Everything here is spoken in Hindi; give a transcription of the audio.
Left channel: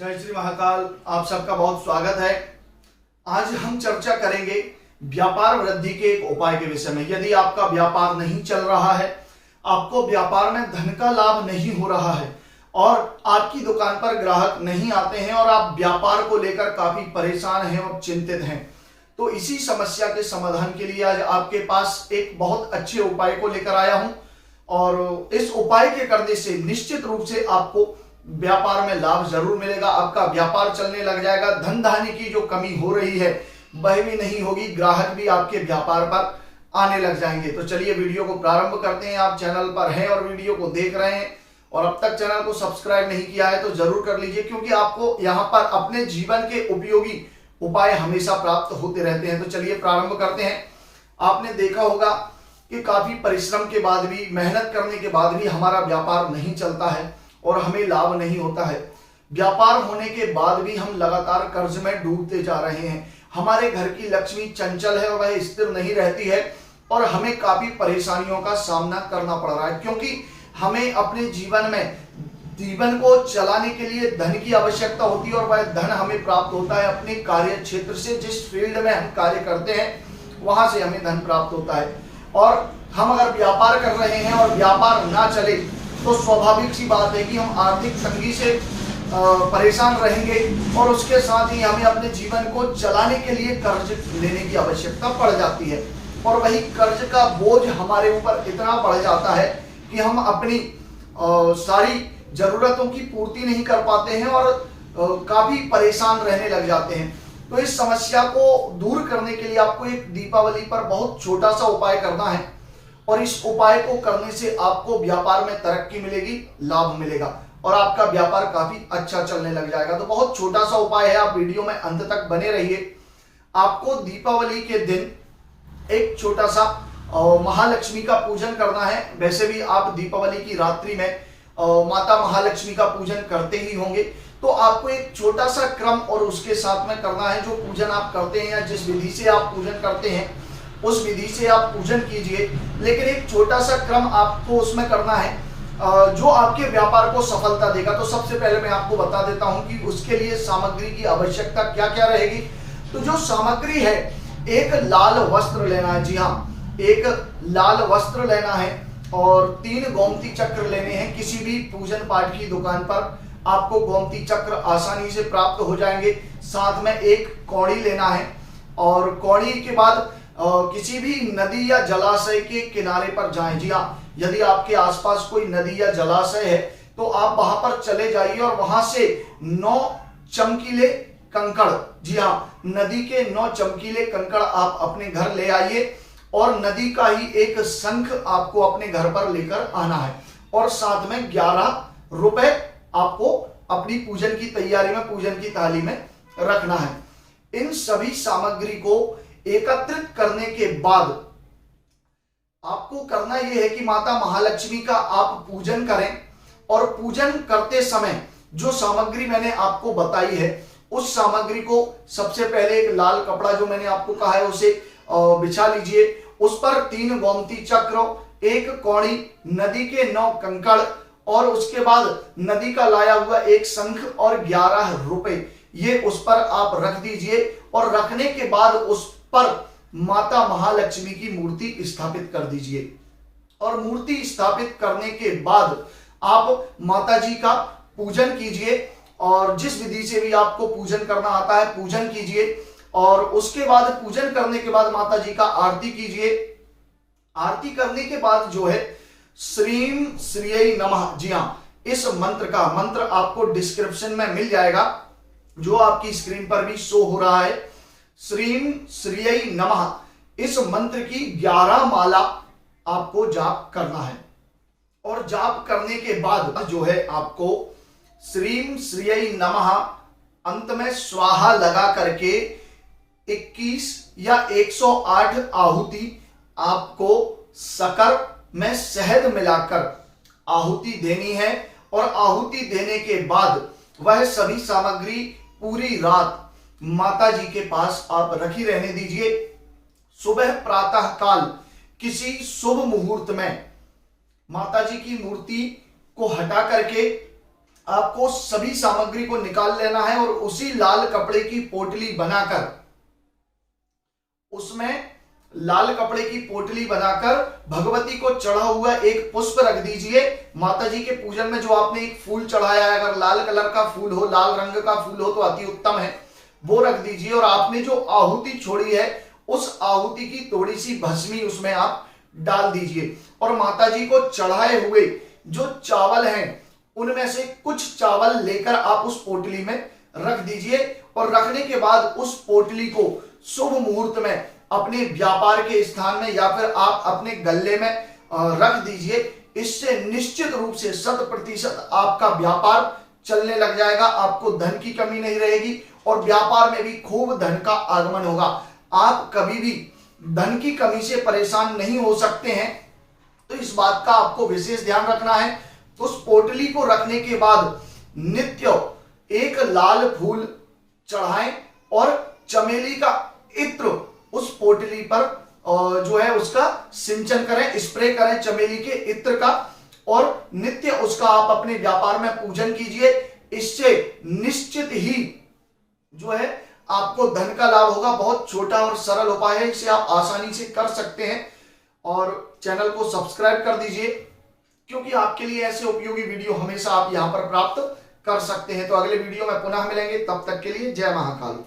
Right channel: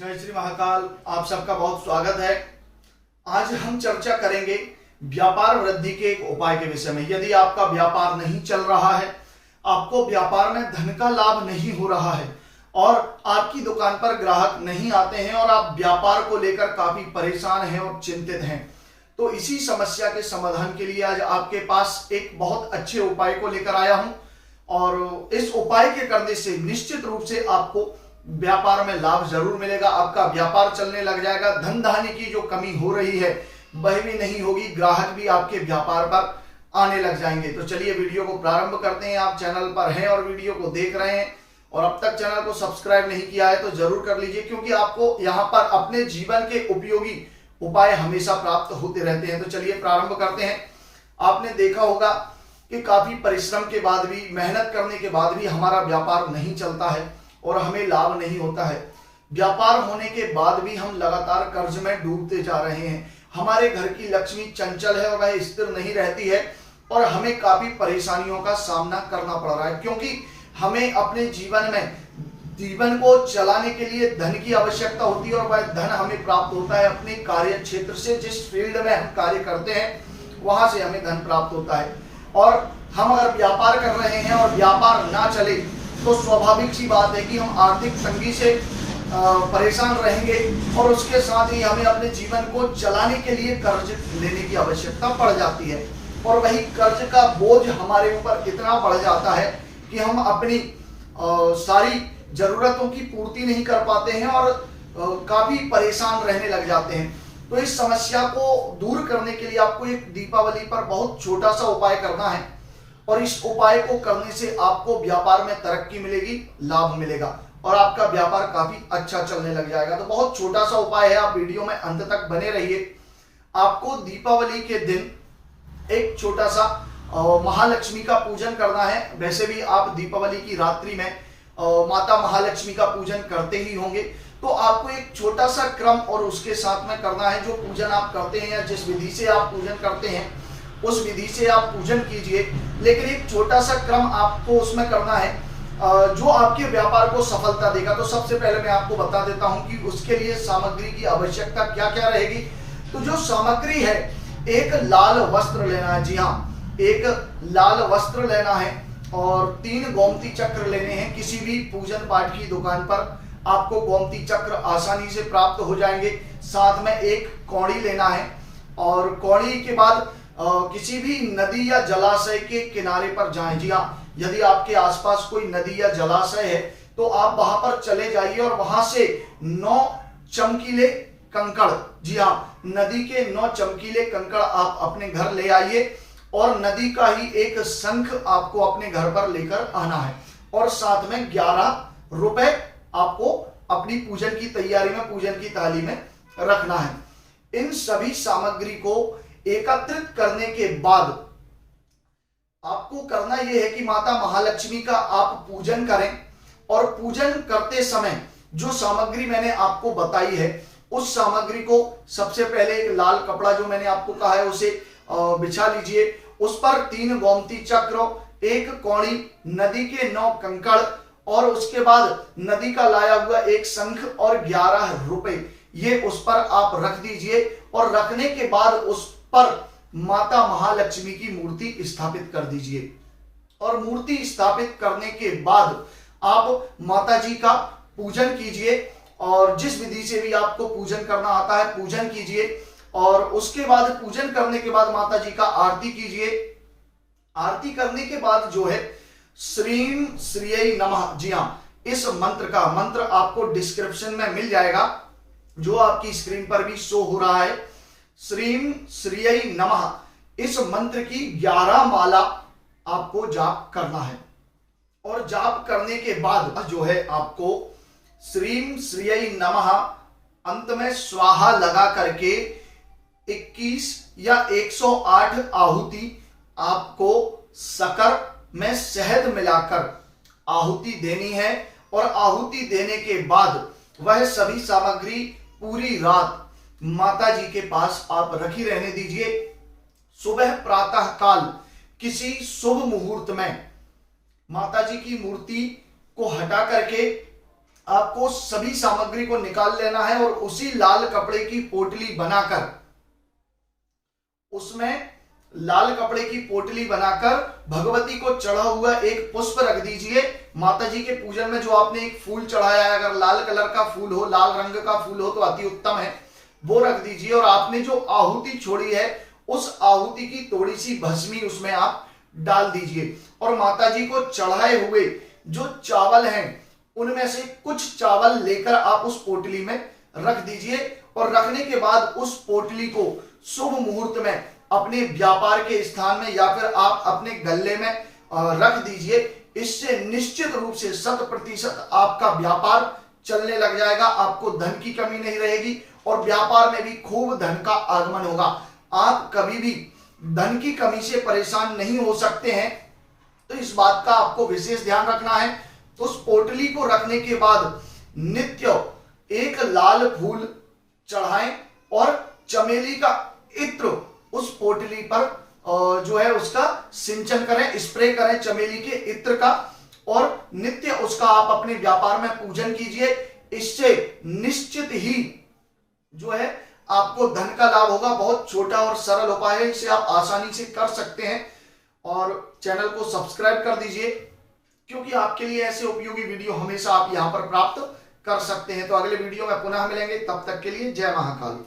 जय श्री महाकाल। आप सबका बहुत स्वागत है। आज हम चर्चा करेंगे व्यापार वृद्धि के एक उपाय के विषय में। यदि आपका व्यापार नहीं चल रहा है, आपको व्यापार में धन का लाभ नहीं हो रहा है और आपकी दुकान पर ग्राहक नहीं आते हैं और आप व्यापार को लेकर काफी परेशान हैं और चिंतित हैं, तो इसी समस्या के समाधान के लिए आज आपके पास एक बहुत अच्छे उपाय को लेकर आया हूं और इस उपाय के करने से निश्चित रूप से आपको व्यापार में लाभ जरूर मिलेगा। आपका व्यापार चलने लग जाएगा। धन धान्य की जो कमी हो रही है वह भी नहीं होगी। ग्राहक भी आपके व्यापार पर आने लग जाएंगे। तो चलिए वीडियो को प्रारंभ करते हैं। आप चैनल पर हैं और वीडियो को देख रहे हैं और अब तक चैनल को सब्सक्राइब नहीं किया है तो जरूर कर लीजिए, क्योंकि आपको यहाँ पर अपने जीवन के उपयोगी उपाय हमेशा प्राप्त होते रहते हैं। तो चलिए प्रारंभ करते हैं। आपने देखा होगा कि काफी परिश्रम के बाद भी, मेहनत करने के बाद भी हमारा व्यापार नहीं चलता है और हमें लाभ नहीं होता है। व्यापार होने के बाद भी हम लगातार कर्ज में डूबते जा रहे हैं। हमारे घर की लक्ष्मी चंचल है और वह स्थिर नहीं रहती है और हमें काफी परेशानियों का सामना करना पड़ रहा है, क्योंकि हमें अपने जीवन को चलाने के लिए धन की आवश्यकता होती है और वह धन हमें प्राप्त होता है अपने कार्य क्षेत्र से। जिस फील्ड में हम कार्य करते हैं वहां से हमें धन प्राप्त होता है। और हम अगर व्यापार कर रहे हैं और व्यापार ना चले तो स्वाभाविक सी बात है कि हम आर्थिक तंगी से परेशान रहेंगे और उसके साथ ही हमें अपने जीवन को चलाने के लिए कर्ज लेने की आवश्यकता पड़ जाती है और वही कर्ज का बोझ हमारे ऊपर इतना बढ़ जाता है कि हम अपनी सारी जरूरतों की पूर्ति नहीं कर पाते हैं और काफी परेशान रहने लग जाते हैं। तो इस समस्या को दूर करने के लिए आपको एक दीपावली पर बहुत छोटा सा उपाय करना है और इस उपाय को करने से आपको व्यापार में तरक्की मिलेगी, लाभ मिलेगा और आपका व्यापार काफी अच्छा चलने लग जाएगा। तो बहुत छोटा सा उपाय है, आप वीडियो में अंत तक बने रहिए। आपको दीपावली के दिन एक छोटा सा महालक्ष्मी का पूजन करना है। वैसे भी आप दीपावली की रात्रि में माता महालक्ष्मी का पूजन करते ही होंगे, तो आपको एक छोटा सा क्रम और उसके साथ में करना है। जो पूजन आप करते हैं या जिस विधि से आप पूजन करते हैं उस विधि से आप पूजन कीजिए, लेकिन एक छोटा सा क्रम आपको उसमें करना है जो आपके व्यापार को सफलता देगा। तो सबसे पहले मैं आपको बता देता हूं कि उसके लिए सामग्री की आवश्यकता क्या क्या रहेगी। तो जो सामग्री है, एक लाल वस्त्र लेना है। जी हाँ, एक लाल वस्त्र लेना है और 3 गोमती चक्र लेने हैं। किसी भी पूजन पाठ की दुकान पर आपको गोमती चक्र आसानी से प्राप्त हो जाएंगे। साथ में एक कौड़ी लेना है और कौड़ी के बाद किसी भी नदी या जलाशय के किनारे पर जाएं। जी हाँ, यदि आपके आसपास कोई नदी या जलाशय है तो आप वहां पर चले जाइए और वहां से 9 चमकीले कंकड़, जी हाँ, नदी के 9 चमकीले कंकड़ आप अपने घर ले आइए और नदी का ही एक शंख आपको अपने घर पर लेकर आना है और साथ में 11 रुपए आपको अपनी पूजन की तैयारी में, पूजन की थाली में रखना है। इन सभी सामग्री को एकत्रित करने के बाद आपको करना यह है कि माता महालक्ष्मी का आप पूजन करें और पूजन करते समय जो सामग्री मैंने आपको बताई है उस सामग्री को सबसे पहले एक लाल कपड़ा जो मैंने आपको कहा है उसे बिछा लीजिए। उस पर 3 गोमती चक्र, एक कौड़ी, नदी के 9 कंकड़ और उसके बाद नदी का लाया हुआ एक शंख और 11 रुपए, ये उस पर आप रख दीजिए और रखने के बाद उस पर माता महालक्ष्मी की मूर्ति स्थापित कर दीजिए और मूर्ति स्थापित करने के बाद आप माता जी का पूजन कीजिए और जिस विधि से भी आपको पूजन करना आता है पूजन कीजिए और उसके बाद पूजन करने के बाद माता जी का आरती कीजिए। आरती करने के बाद जो है श्रीम श्रीयै नमः, जी हाँ, इस मंत्र आपको डिस्क्रिप्शन में मिल जाएगा जो आपकी स्क्रीन पर भी शो हो रहा है। श्रीम श्रीयै नमः, इस मंत्र की 11 माला आपको जाप करना है और जाप करने के बाद जो है आपको श्रीम श्रीयै नमः अंत में स्वाहा लगा करके 21 या 108 आहुति आपको शक्कर में शहद मिलाकर आहुति देनी है और आहुति देने के बाद वह सभी सामग्री पूरी रात माता जी के पास आप रखी रहने दीजिए। सुबह प्रातः काल किसी शुभ मुहूर्त में माता जी की मूर्ति को हटा करके आपको सभी सामग्री को निकाल लेना है और उसी लाल कपड़े की पोटली बनाकर, उसमें लाल कपड़े की पोटली बनाकर भगवती को चढ़ा हुआ एक पुष्प रख दीजिए। माता जी के पूजन में जो आपने एक फूल चढ़ाया है, अगर लाल कलर का फूल हो, लाल रंग का फूल हो तो अति उत्तम है, वो रख दीजिए। और आपने जो आहुति छोड़ी है उस आहुति की थोड़ी सी भस्मी उसमें आप डाल दीजिए और माता जी को चढ़ाए हुए जो चावल हैं उनमें से कुछ चावल लेकर आप उस पोटली में रख दीजिए। और रखने के बाद उस पोटली को शुभ मुहूर्त में अपने व्यापार के स्थान में या फिर आप अपने गल्ले में रख दीजिए। इससे निश्चित रूप से 100% आपका व्यापार चलने लग जाएगा, आपको धन की कमी नहीं रहेगी और व्यापार में भी खूब धन का आगमन होगा। आप कभी भी धन की कमी से परेशान नहीं हो सकते हैं, तो इस बात का आपको विशेष ध्यान रखना है। तो उस पोटली को रखने के बाद नित्य एक लाल फूल चढ़ाएं और चमेली का इत्र उस पोटली पर जो है उसका सिंचन करें, स्प्रे करें चमेली के इत्र का, और नित्य उसका आप अपने व्यापार में पूजन कीजिए। इससे निश्चित ही जो है आपको धन का लाभ होगा। बहुत छोटा और सरल उपाय है, इसे आप आसानी से कर सकते हैं। और चैनल को सब्सक्राइब कर दीजिए क्योंकि आपके लिए ऐसे उपयोगी वीडियो हमेशा आप यहां पर प्राप्त कर सकते हैं। तो अगले वीडियो में पुनः मिलेंगे, तब तक के लिए जय महाकाल।